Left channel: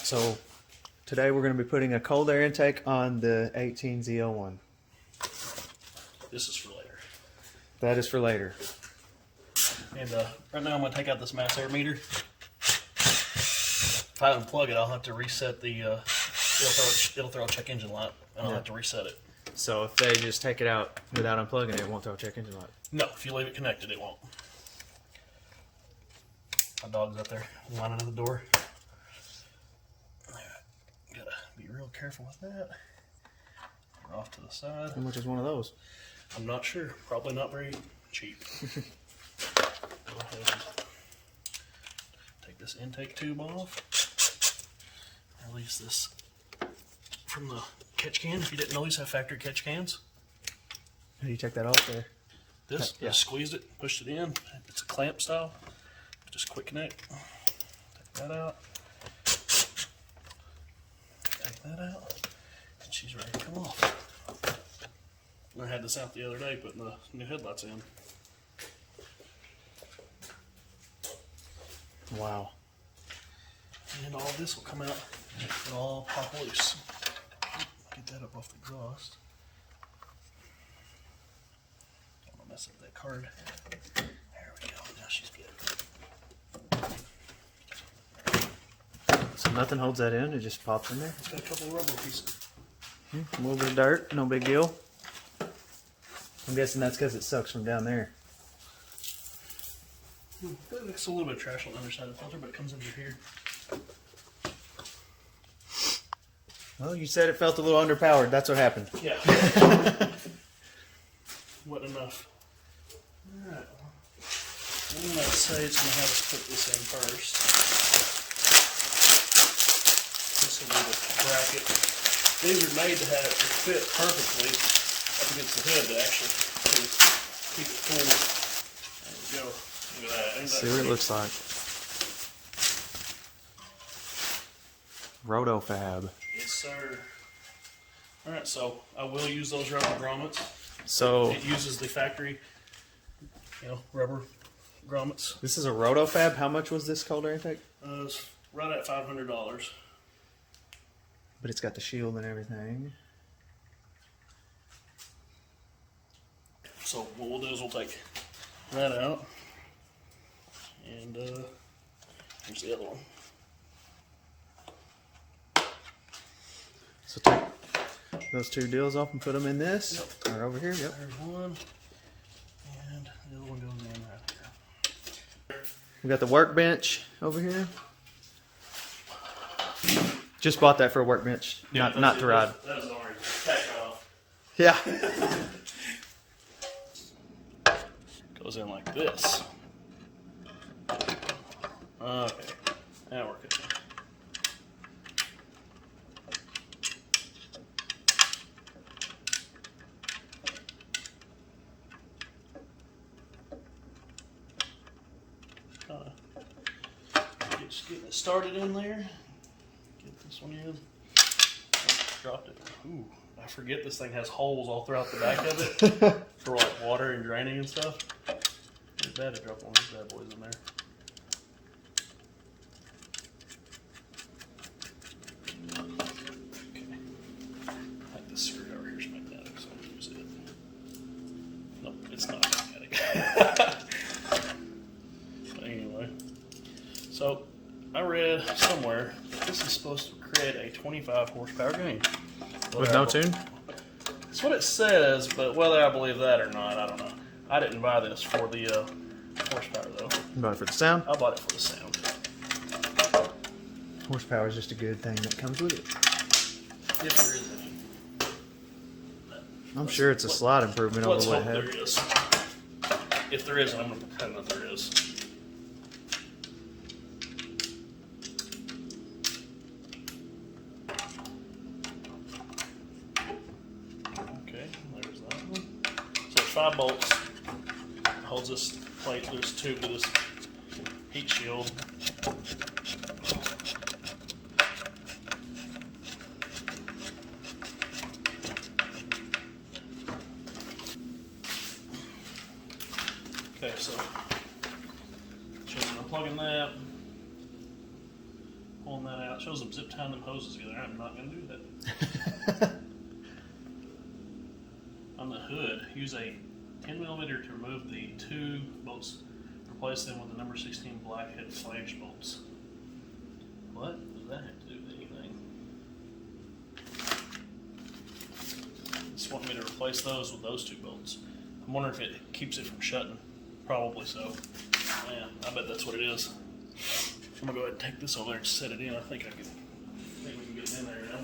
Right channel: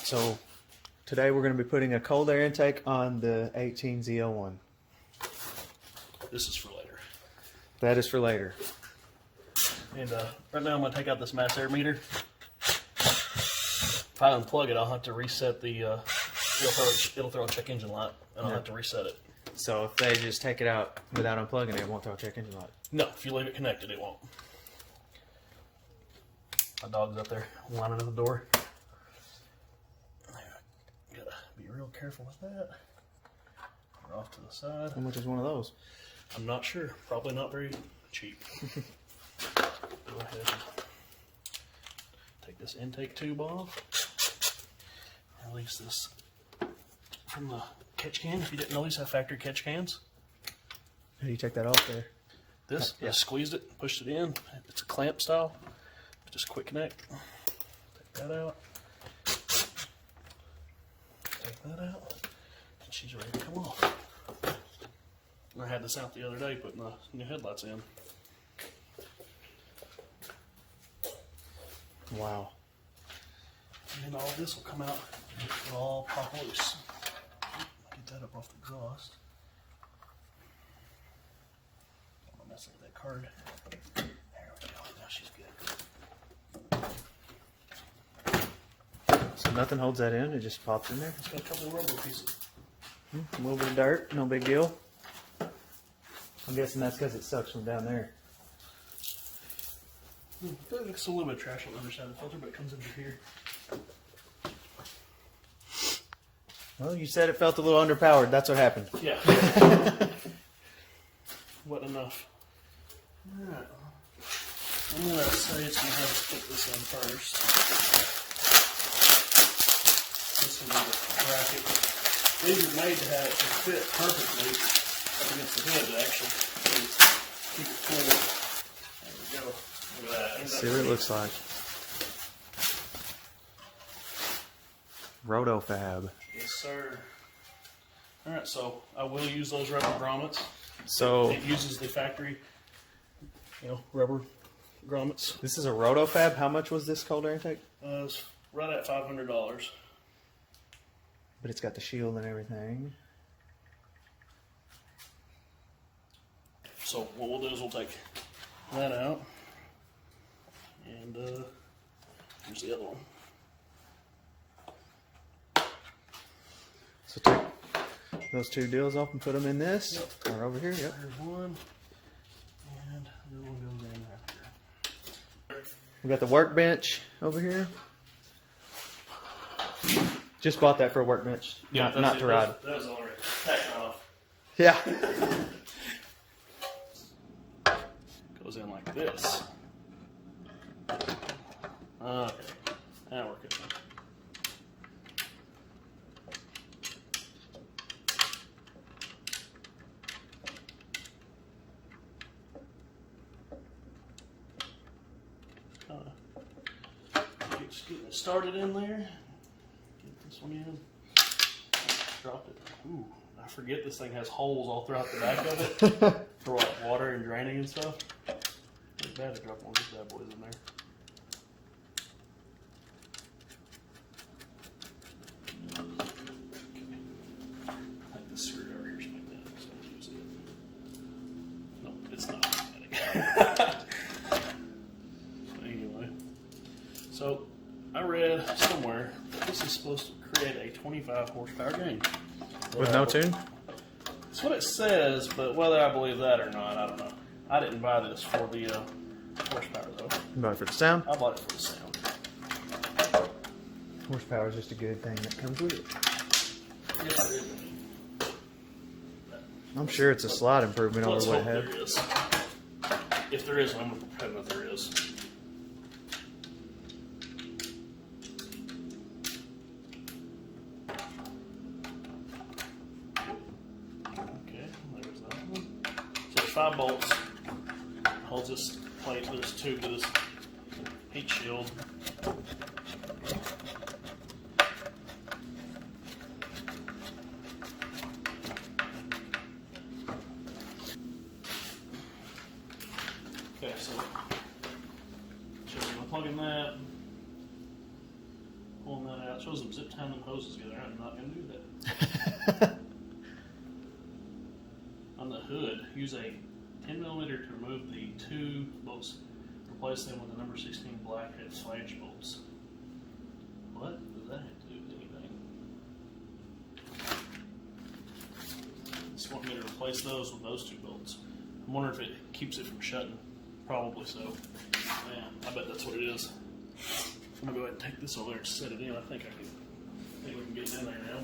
Alright, so today we're going to be putting a cold air intake on the 18 ZL1. This is for later. That is for later. And right now I'm going to take out this mass air meter. If I unplug it, I'll have to reset the, it'll throw a check engine light, and I'll have to reset it. So if they just take it out without unplugging it, it won't throw a check engine light? No, if you leave it connected, it won't. My dog's up there lining at the door. Gotta be real careful with that. We're off to the side. How much is one of those? I'm not sure. Probably not very cheap. Go ahead and take this intake tube off. Release this from the catch can. If you didn't know, these have factory catch cans. How do you take that off there? This, yeah. Just squeezed it, pushed it in. It's a clamp style. Just quick connect. Take that out. Take that out. And she's ready to come off. I had this out the other day, putting the new headlights in. Wow. And all this will come out and all pop loose. Get that up off the exhaust. Don't want to mess up that card. There we go. Now she's good. So nothing holds that in, it just pops in there? It's got a couple of rubber pieces. A little bit of dirt, no big deal. I'm guessing that's because it sucks from down there. It's a little bit of trash on the underside of the filter, but it comes under here. Well, you said it felt a little underpowered. That's what happened. Yeah. Wasn't enough. Alright. I'm going to say it's going to have us put this in first. This will be the bracket. These are made to fit perfectly up against the head to actually keep it cool. There we go. Look at that. See what it looks like. Roto-Fab. Yes, sir. Alright, so I will use those rubber grommets. So It uses the factory, rubber grommets. this is a Roto-Fab. How much was this cold air intake? It's right at $500. But it's got the shield and everything. So what we'll do is we'll take that out, and here's the other one. So take those two deals off and put them in this. Yep. Or over here. Yep. There's one, and the other one goes in right here. We got the workbench over here. Just bought that for a workbench, not to ride. That was already tacked off. Yeah. Goes in like this. Okay, now we're good. Just getting it started in there. Get this one in. Dropped it. Ooh, I forget this thing has holes all throughout the back of it for like water and draining and stuff. It's bad to drop one of these bad boys in there. Okay. I think this screw over here is magnetic, so I'll use it. Nope, it's not magnetic. Anyway, so I read somewhere that this is supposed to create a 25 horsepower gain. With no tune? That's what it says, but whether I believe that or not, I don't know. I didn't buy this for the horsepower though. You bought it for the sound? I bought it for the sound. Horsepower is just a good thing that comes with it. If there is any. I'm sure it's a slight improvement over Let's what hope it had. there is. If there is, I'm going to pretend that there is. Okay, there's that one. So there's 5 bolts. Holds this plate, this tube to this heat shield. Okay, so just unplugging that, pulling that out. It shows them zip tying them hoses together. I'm not going to do that. On the hood, use a 10mm to remove the 2 bolts. Replace them with the number 16 blackhead flash bolts. What does that have to do with anything? Just want me to replace those with those 2 bolts. I'm wondering if it keeps it from shutting. Probably so. Yeah, I bet that's what it is. I'm gonna go ahead and take this over there and set it in. I think we can get it in there now.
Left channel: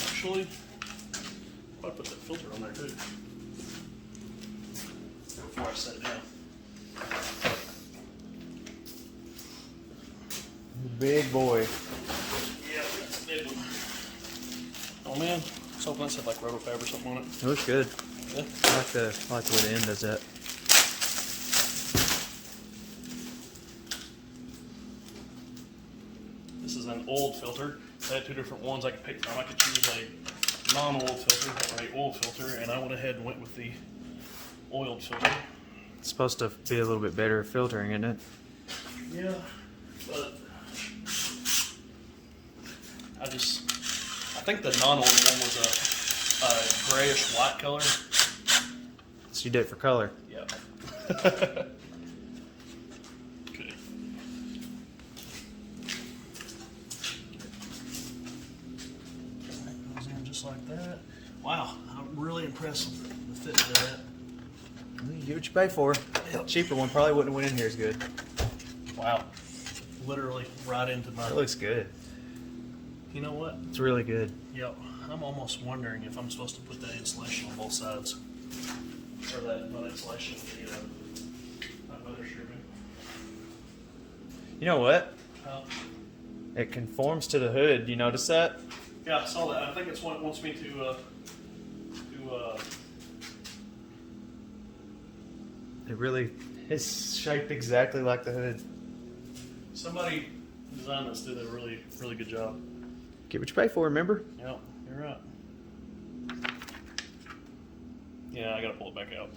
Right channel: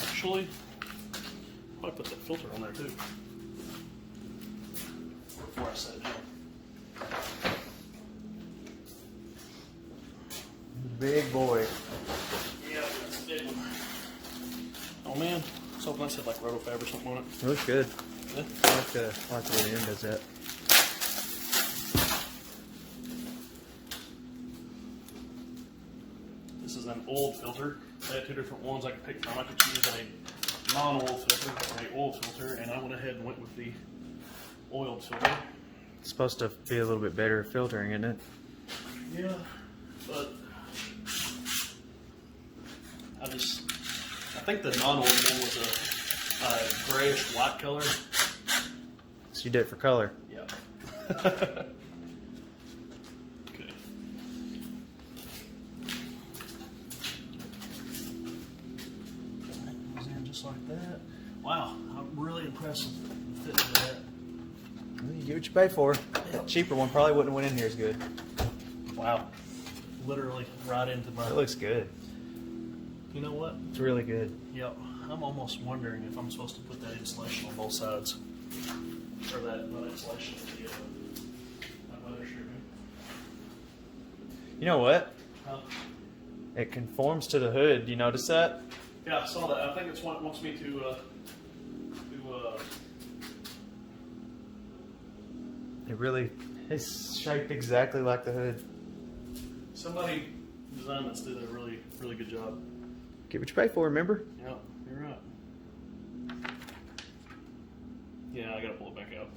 Actually, I put that filter on there too before I set it down. Big boy. Yeah, that's a big one. Oh man, I was hoping I said like Roto-Fab or something on it. It looks good. Yeah. I like the way the end does that. This is an old filter. I had 2 different ones I could pick from. I could choose a non-oil filter or a oil filter, and I went ahead and went with the oiled filter. It's supposed to be a little bit better filtering, isn't it? Yeah, but I think the non-oiled one was a grayish white color. So you did it for color. Yeah. Okay. That goes in just like that. Wow, I'm really impressed with the fit of that. Well, you get what you pay for. Yep. Cheaper one probably wouldn't have went in here as good. Wow. Literally right into my... It looks good. You know what? It's really good. Yep. I'm almost wondering if I'm supposed to put that insulation on both sides. Or that not insulation, the weather stripping. You know what? Huh? It conforms to the hood. You notice that? Yeah, I saw that. I think it's what it wants me to It really is shaped exactly like the hood. somebody designed this, did a really, really good job. Get what you pay for, remember? Yeah, you're right. Yeah, I gotta pull it back out.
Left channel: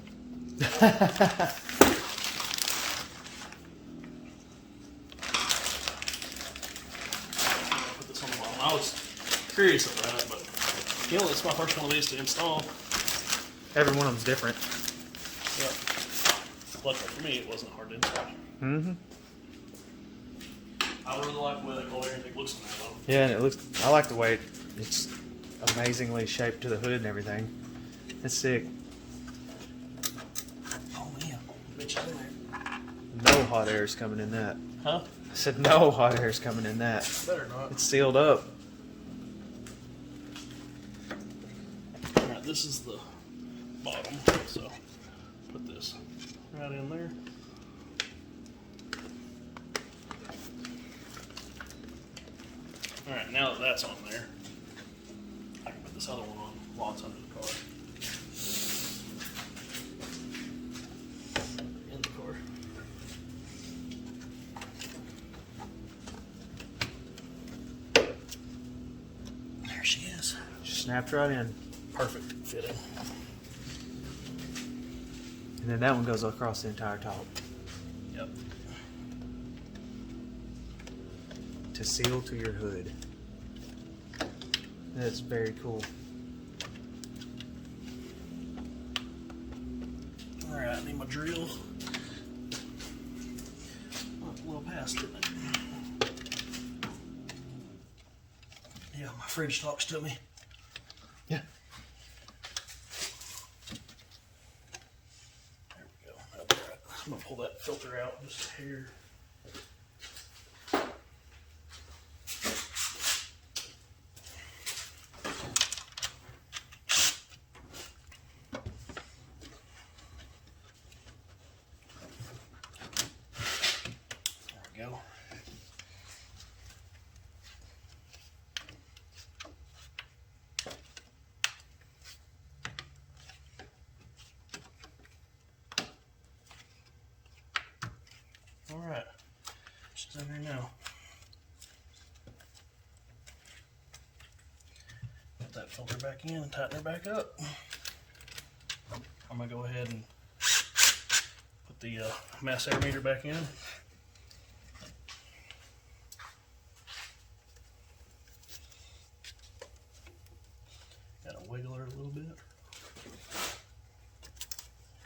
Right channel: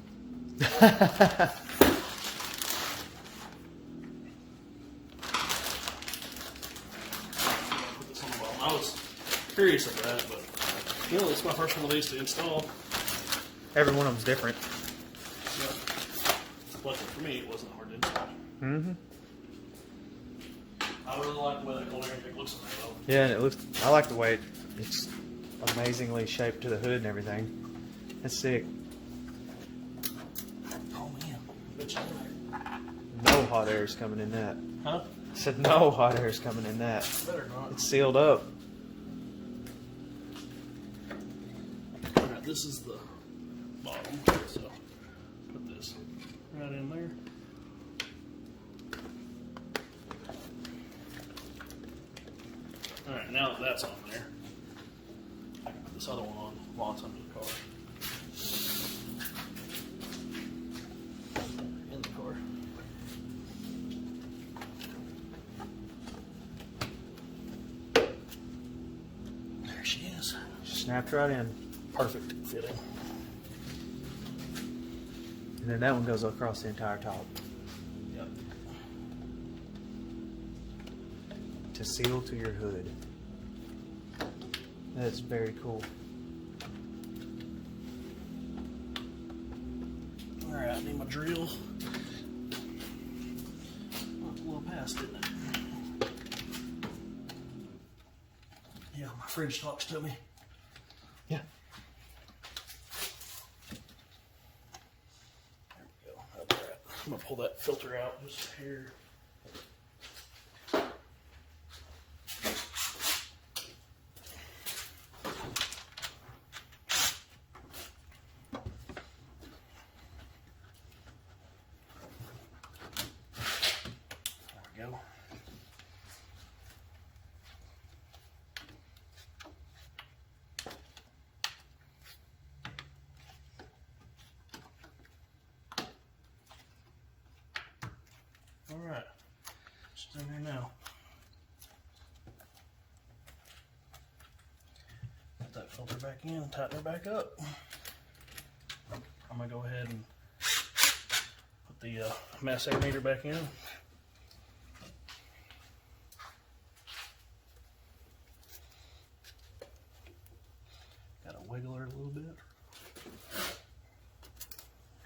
Put this on the bottom. I was curious about it, but you know, it's my first one of these to install. Every one of them's different. Yeah. Luckily for me, it wasn't hard to install. Mm-hmm. I really like the way that cold air intake looks on that though. Yeah, and it looks. I like the way it's amazingly shaped to the hood and everything. That's sick. Oh man, bitch in there. No hot air is coming in that. Huh? I said no hot air is coming in that. Better not. It's sealed up. Alright, this is the bottom, so put this right in there. Alright, now that that's on there, I can put this other one on while it's under the car. In the car. There she is. Just snapped right in. Perfect fitting. And then that one goes across the entire top Yep. to seal to your hood. That's very cool. Alright, I need my drill. Went a little past, didn't it? Yeah, my fridge talks to me. Yeah. There we go. That'll be all right. I'm gonna pull that filter out just here. There we go. All right, just in there now. Put that filter back in and tighten her back up. I'm gonna go ahead and put the mass meter back in. wiggle her a little bit.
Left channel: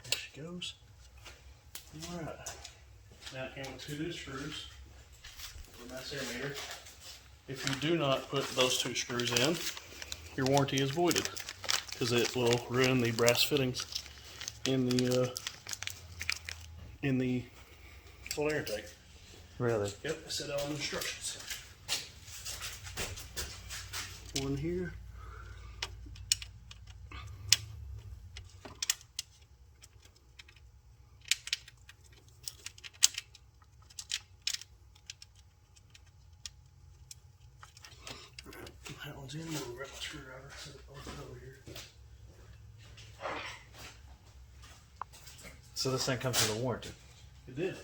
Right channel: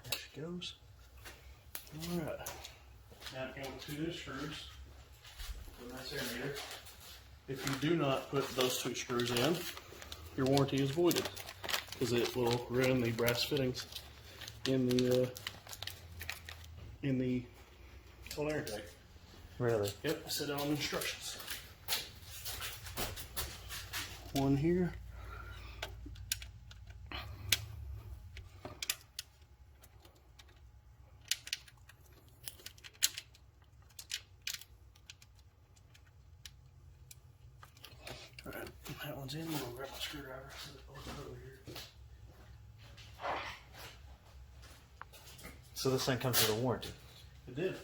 There she goes. Alright. Now it came with 2 new screws. A nice air meter. If you do not put those 2 screws in, your warranty is voided because it will ruin the brass fittings in the cold air intake. Really? Yep, I said that on the instructions. One here. Alright, that one's in. We'll grab my screwdriver. Set it over here. So this thing comes with a warranty. It did.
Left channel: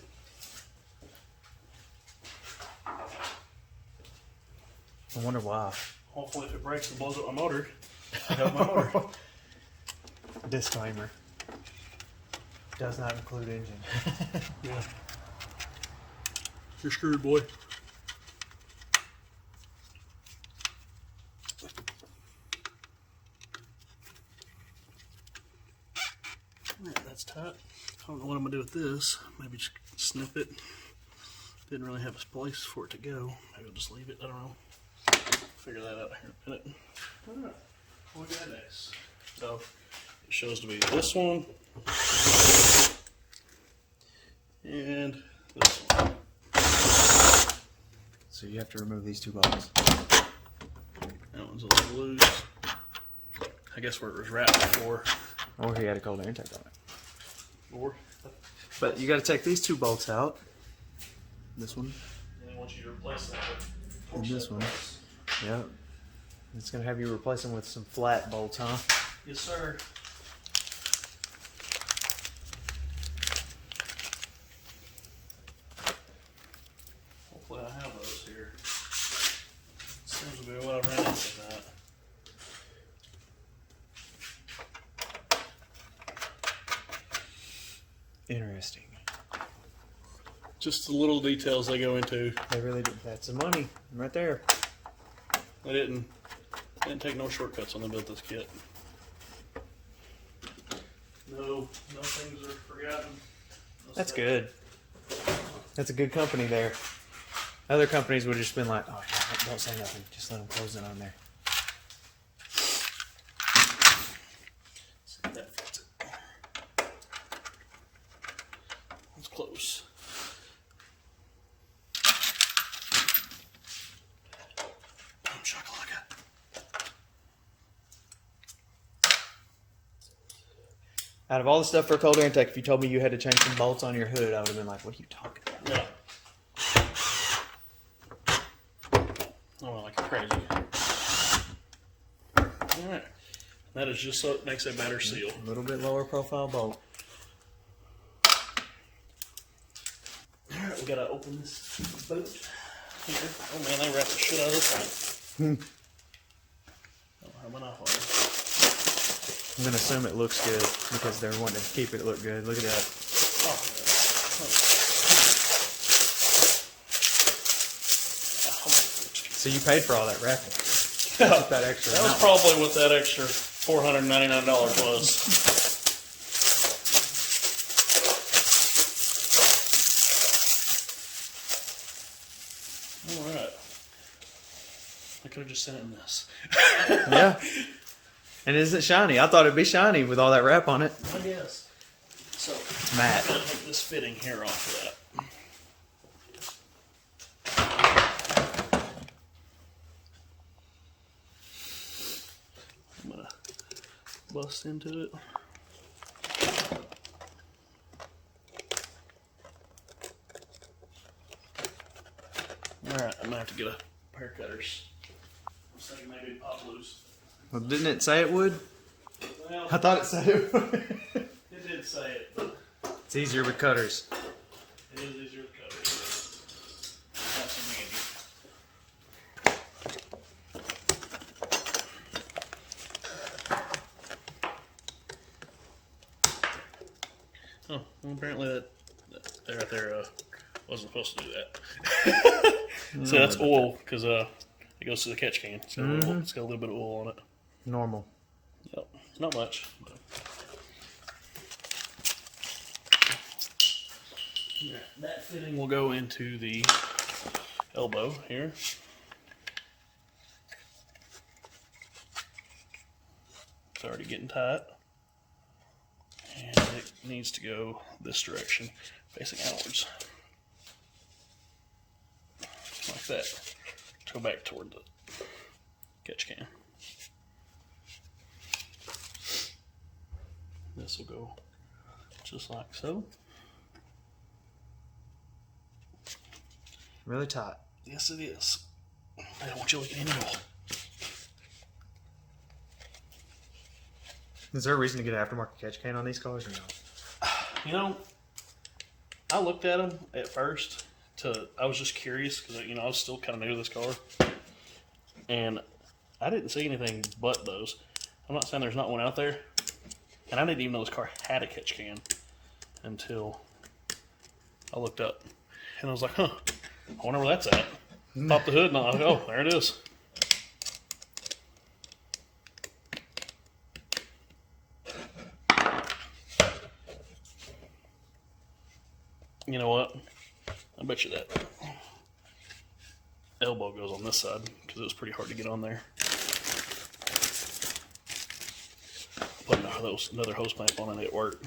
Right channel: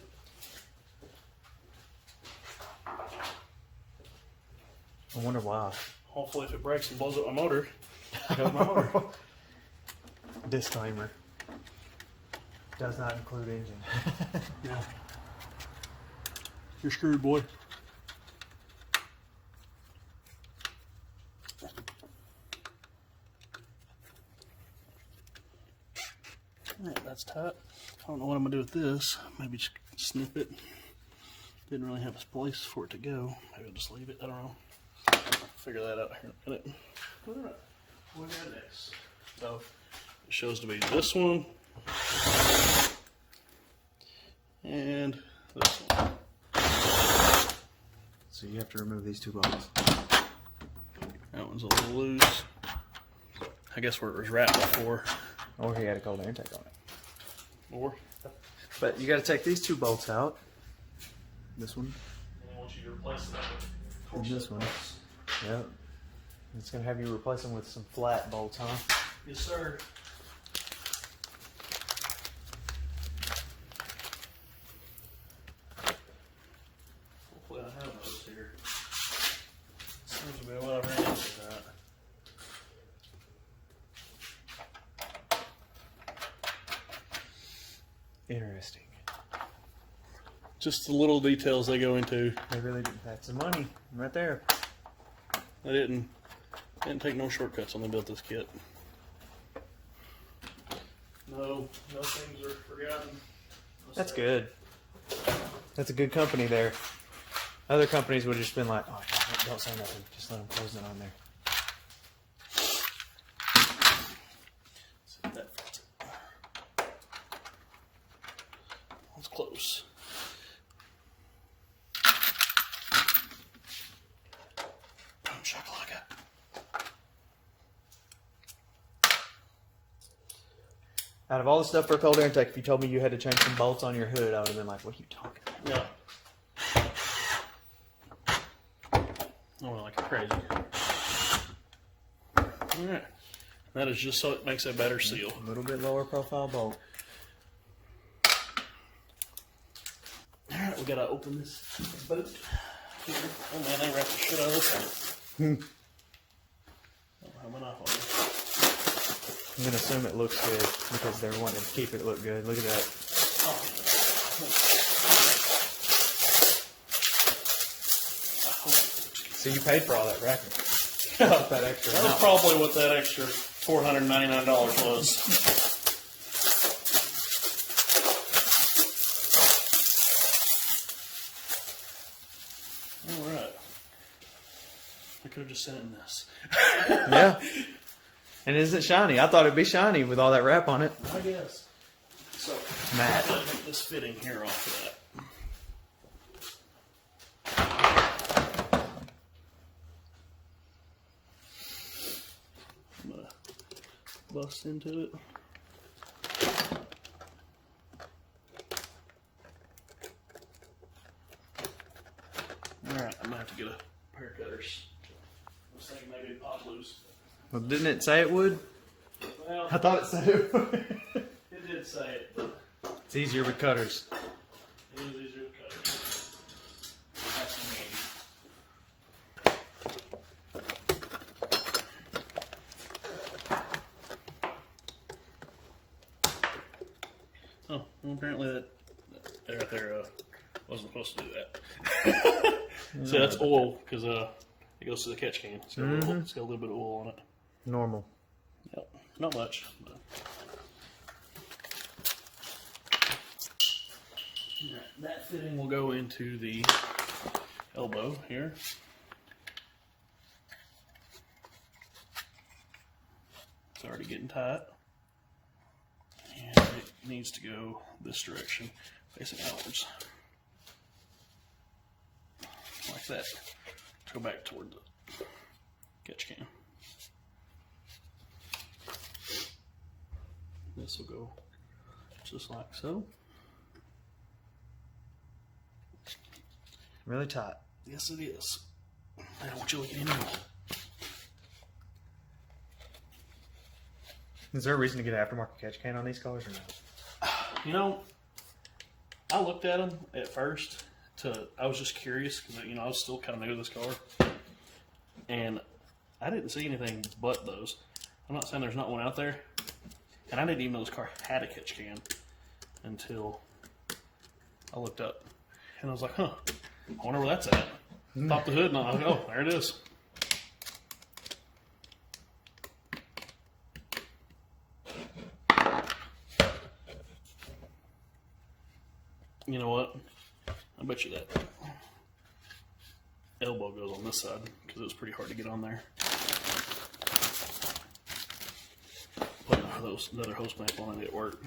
I wonder why. Hopefully if it breaks and blows up my motor, help my motor. Disclaimer. Does not include engine. Yeah. You're screwed, boy. Alright, that's tight. I don't know what I'm gonna do with this. Maybe just snip it. Didn't really have a place for it to go. Maybe I'll just leave it. I don't know. Figure that out here in a minute. Alright, what we got next? So it shows to be this one and this one. So you have to remove these 2 bolts. That one's a little loose. I guess where it was wrapped before. Or he had a cold air intake on it. Or But you got to take these 2 bolts out. This one. and I want you to replace that with And this one. Yep. It's going to have you replace them with some flat bolts, huh? Yes, sir. Hopefully I have those here. Seems to be what I ran into that. Interesting. Just the little details they go into. They really do. That's the money right there. They didn't take no shortcuts when they built this kit. No things are forgotten. That's good. That's a good company there. Other companies would have just been like, oh, don't say nothing. Just let them close it on there. See if that fits it. That's close. Boom shakalaka. Out of all the stuff for a cold air intake, if you told me you had to change some bolts on your hood, I would have been like, what are you talking about? Yeah. Oh, like crazy. Alright. That is just so it makes a better seal. A little bit lower profile bolt. Alright, we gotta open this boat here. Oh man, they wrapped the shit out of this thing. I don't have my knife on it. I'm going to assume it looks good because they're wanting to keep it look good. Look at that. Oh. So you paid for all that wrapping. That extra That was amount. probably what that extra $499 was. Alright. I could have just sent it in this. Yeah. And isn't it shiny? I thought it'd be shiny with all that wrap on it. I guess. So, Matte. I'm gonna take this fitting here off of that. I'm gonna bust into it. Alright, I'm gonna have to get a pair of cutters. I was thinking maybe pop loose. Well, didn't it say it would? Well, I thought it said it would. it did say it, but It's easier with cutters. it is easier with cutters. That's handy. Oh, well, apparently that right there wasn't supposed to do that. So that's oil because it goes to the catch can. So it's got a little bit of oil on it. Normal. not much. But. Yeah, that fitting will go into the elbow here. It's already getting tight. And it needs to go this direction, facing outwards. Like that. To go back toward the catch can. This will go just like so. Really tight. Yes, it is. I don't want you looking anymore. Is there a reason to get an aftermarket catch can on these cars or no? You know, I looked at them at first. I was just curious because I was still kind of new to this car, and I didn't see anything but those. I'm not saying there's not one out there, and I didn't even know this car had a catch can until I looked up, and I was like, huh, I wonder where that's at. Pop the hood, and I was like, oh, there it is. You know what? I bet you that elbow goes on this side because it was pretty hard to get on there. Put another hose clamp on and it worked.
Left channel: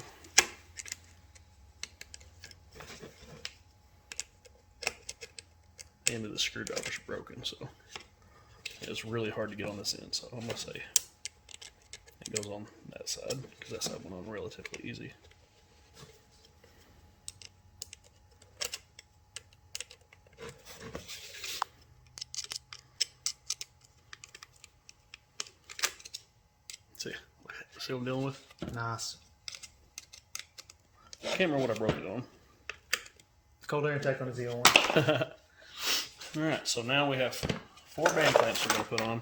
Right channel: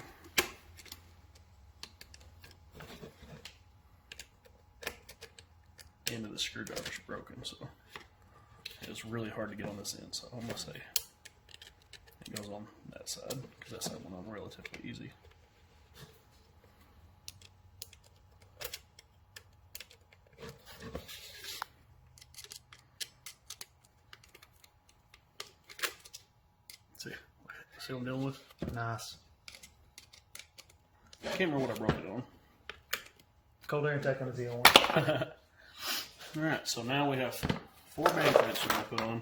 The end of the screwdriver's broken, so it's really hard to get on this end. So I'm gonna say it goes on that side because that side went on relatively easy. See what I'm dealing with? Nice. I can't remember what I broke it on. Cold air intake on the ZL1. Alright, so now we have 4 band clamps we're going to put on.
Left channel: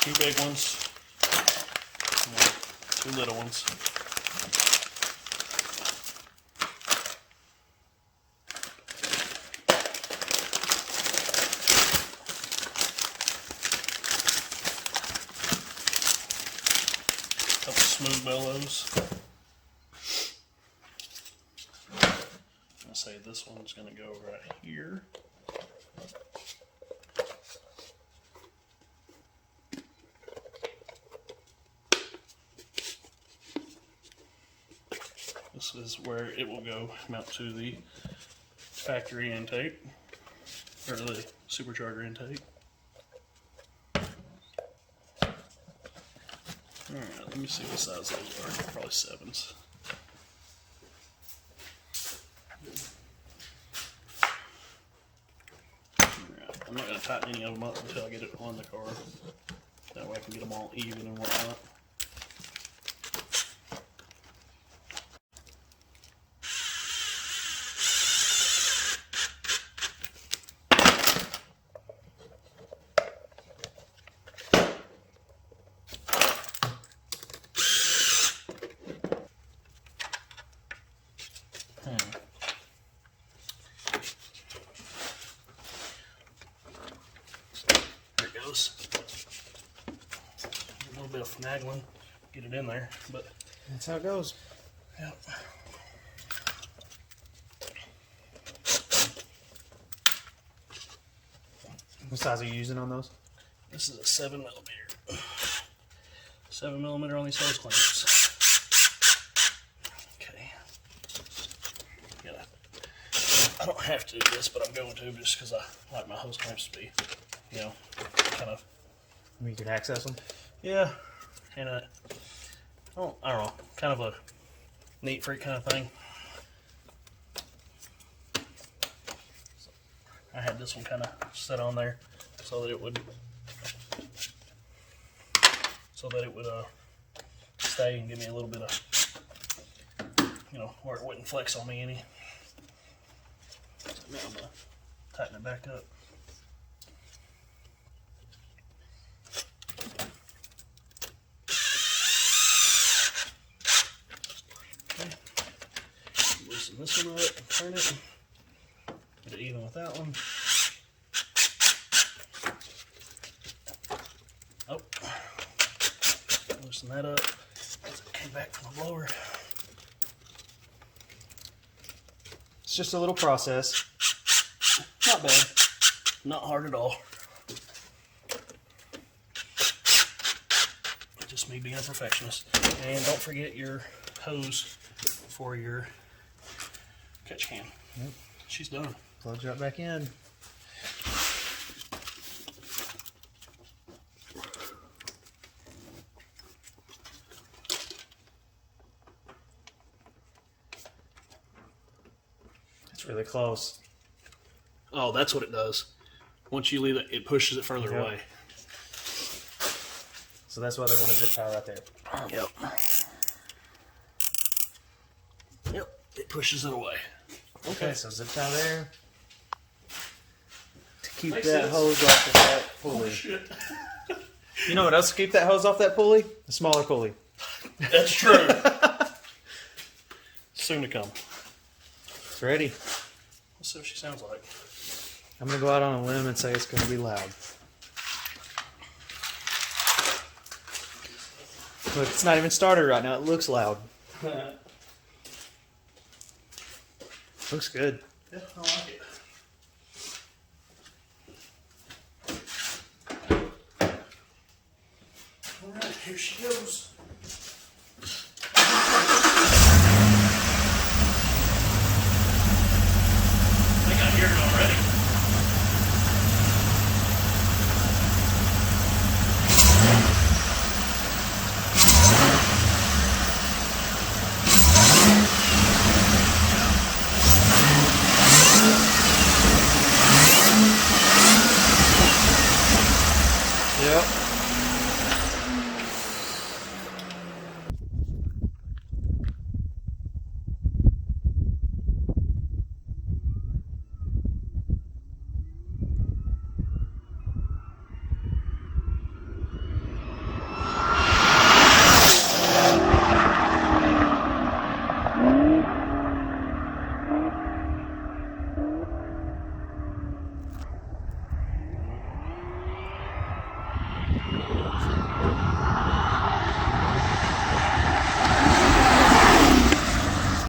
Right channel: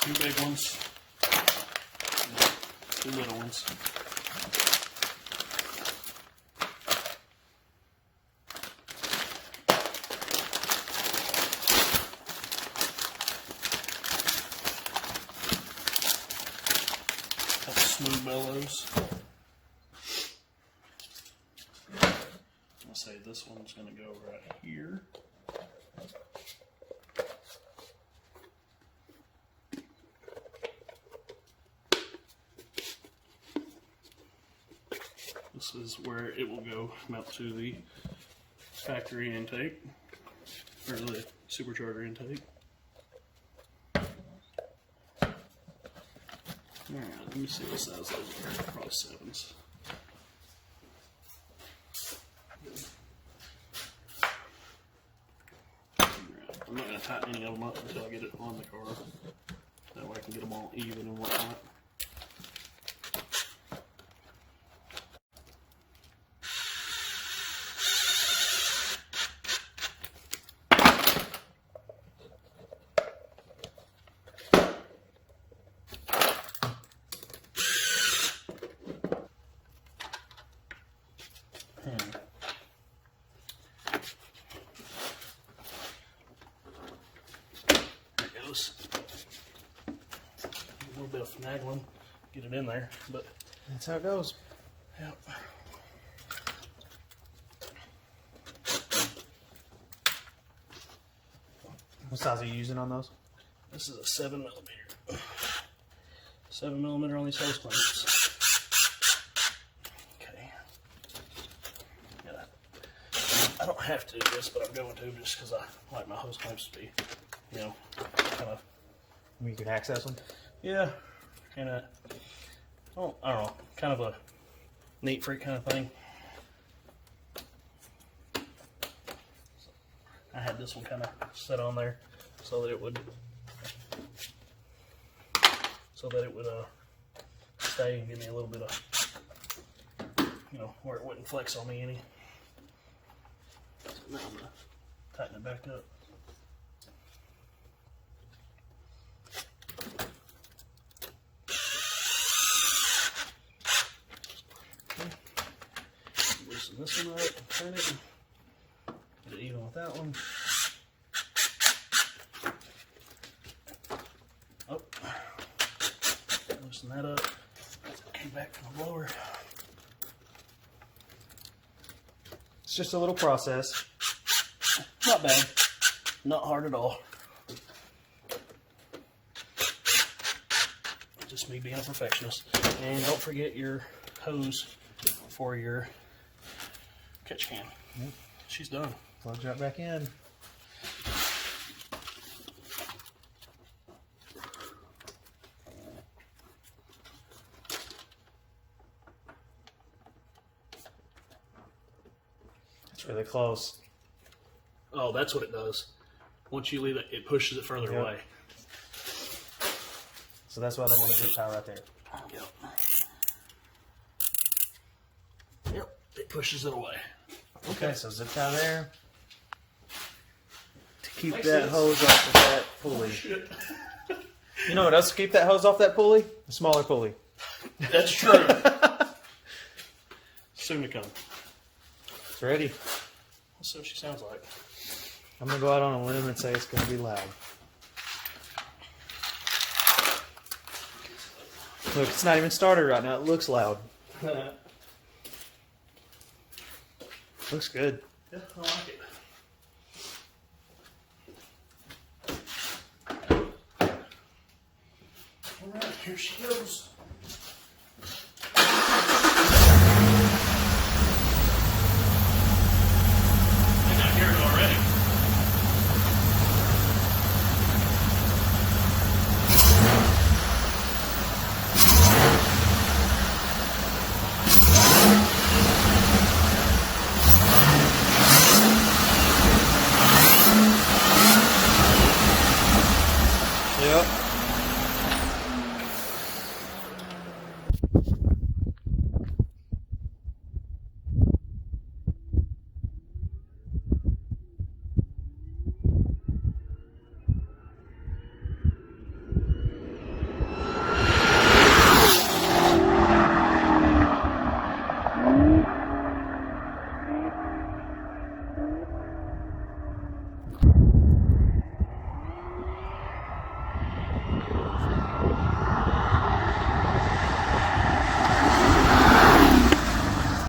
2 big ones, and 2 little ones. Smooth bellows. I'm gonna say this one's gonna go right here. This is where it will go mount to the factory intake, or the supercharger intake. Alright, let me see what size those are. Probably 7s. Alright, I'm not going to tighten any of them up until I get it on the car. That way I can get them all even and whatnot. There it goes. A little bit of finagling, get it in there, but that's how it goes. Yep. What size are you using on those? This is a 7mm. 7mm on these hose clamps. Okay. I don't have to do this, but I'm going to just because I like my hose clamps to be, kind of. I mean, you can access them. Yeah, and I don't know, kind of a neat freak kind of thing. So I had this one kind of set on there so that it would stay and give me a little bit of, where it wouldn't flex on me any. So now I'm gonna tighten it back up. Loosen this one up and turn it. Get it even with that one. Loosen that up. Came back from the blower. It's just a little process. Not bad. Not hard at all. Just me being a perfectionist. And don't forget your hose for your catch can. Yep. She's done. Plugs right back in. It's really close. Oh, that's what it does. Once you leave it, it pushes it further away. So that's why they want a zip tie right there. Yep. Yep. It pushes it away. Okay, so zip tie there. To keep Makes that sense. hose off of that pulley. Oh, shit. You know what else to keep that hose off that pulley? A smaller pulley. That's true. Soon to come. It's ready. Let's see what she sounds like. I'm going to go out on a limb and say it's going to be loud. Look, it's not even started right now. It looks loud. Looks good. Yeah, I like it. All right, here she goes.